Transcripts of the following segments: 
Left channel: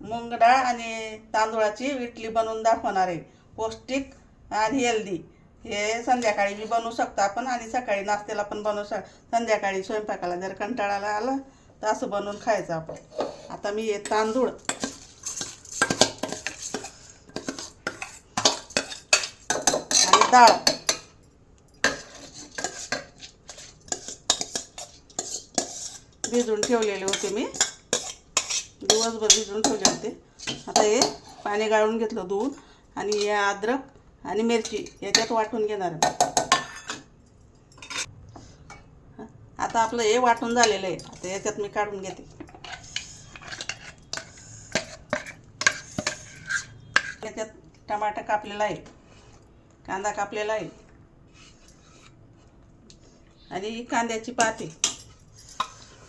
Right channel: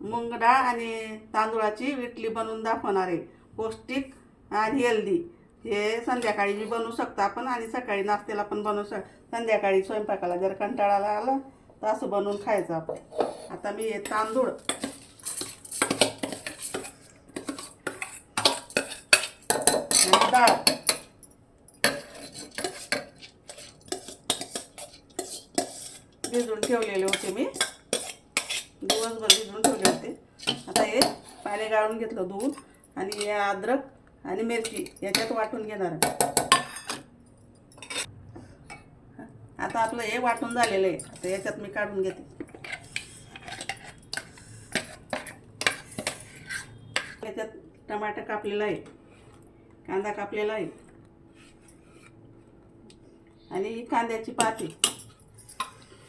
मूग डाळ आणि तांदूळाची इडली बनवून दाखवणार आहे. पौष्टिक आणि हेल्दी हे संध्याकाळी बी बनवू शकतो आपण आणि सकाळी नाश्त्याला पण बनवू शक संध्याकाळी स्वयंपाकाला जर कंटाळाला आलं तर असं बनवून खायचं आपण. आता मी हे तांदूळ आणि डाळ. भिजून ठेवलेले होते मी. दिवसभर भिजून ठेवले होते. आता हे पाणी गाळून घेतलं धुवून आणि हे अद्रक आणि मिरची याच्यात वाटून घेणार आहे. आता आपलं हे वाटून झालेलं आहे. आता याच्यात मी काढून घेते. याच्यात टमाटा कापलेला आहे. कांदा कापलेला आहे. आणि ही कांद्याची पाती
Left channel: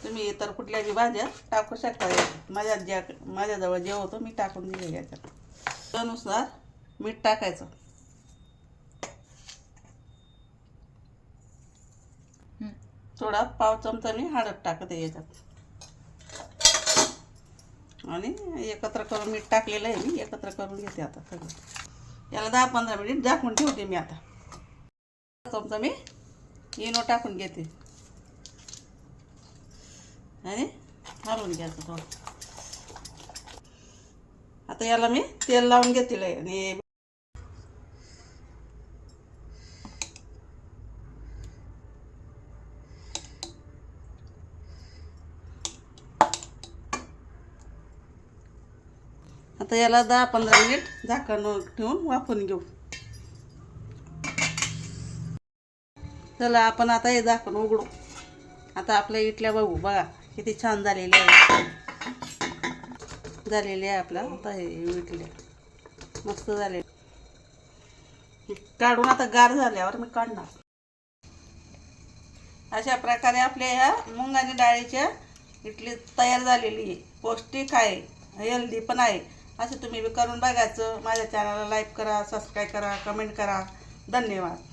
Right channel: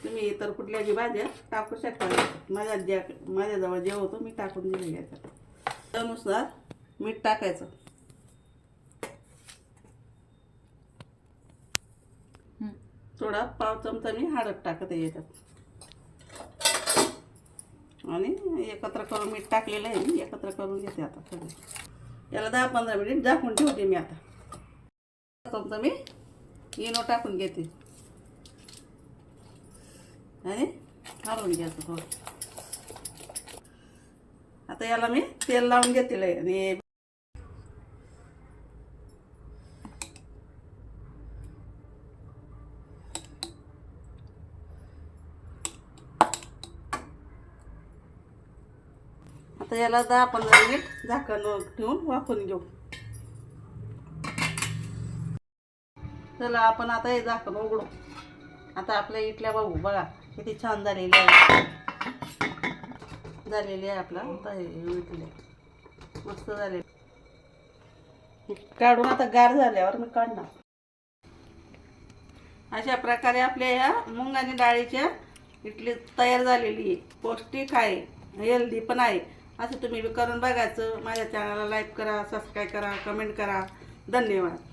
तुम्ही इतर कुठल्या बी भाज्या टाकू शकता. माझ्या ज्या माझ्याजवळ जे होतं मी टाकून दिले याच्यात त्यानुसार मीठ टाकायचं. थोडा पाव चमचा मी हळद टाकते याच्यात. आणि एकत्र करून मीठ टाकलेलं आहे मी एकत्र करून घेते आता सगळं. याला दहा पंधरा मिनिट झाकून ठेवते मी आता. चमचा मी इनो टाकून घेते. आणि घालून घ्यायचं थोडं. आता याला मी तेल लावून घेतील आणि आता याला दहा पंधरा मिनिट झाकण ठेवून वाफून घेऊ. चला आपण आता हे झाकण उघडू. आता आपल्या इटल्या बघू बघा. किती छान झालेली आहे. झालेली आहे आपला. आता हे विटले मस्त झाले. काढून आता गार झाल्यावर मी काढणार. अशा प्रकारे आपल्या ह्या मुंग आणि डाळीच्या इडली तयार झालेली आहे पौष्टिक आहे. हेल्दी पण आहे. असं तुम्ही करून बघायचं. माझ्या चॅनलला लाईक करा सबस्क्राईब करा कमेंट करा. धन्यवाद.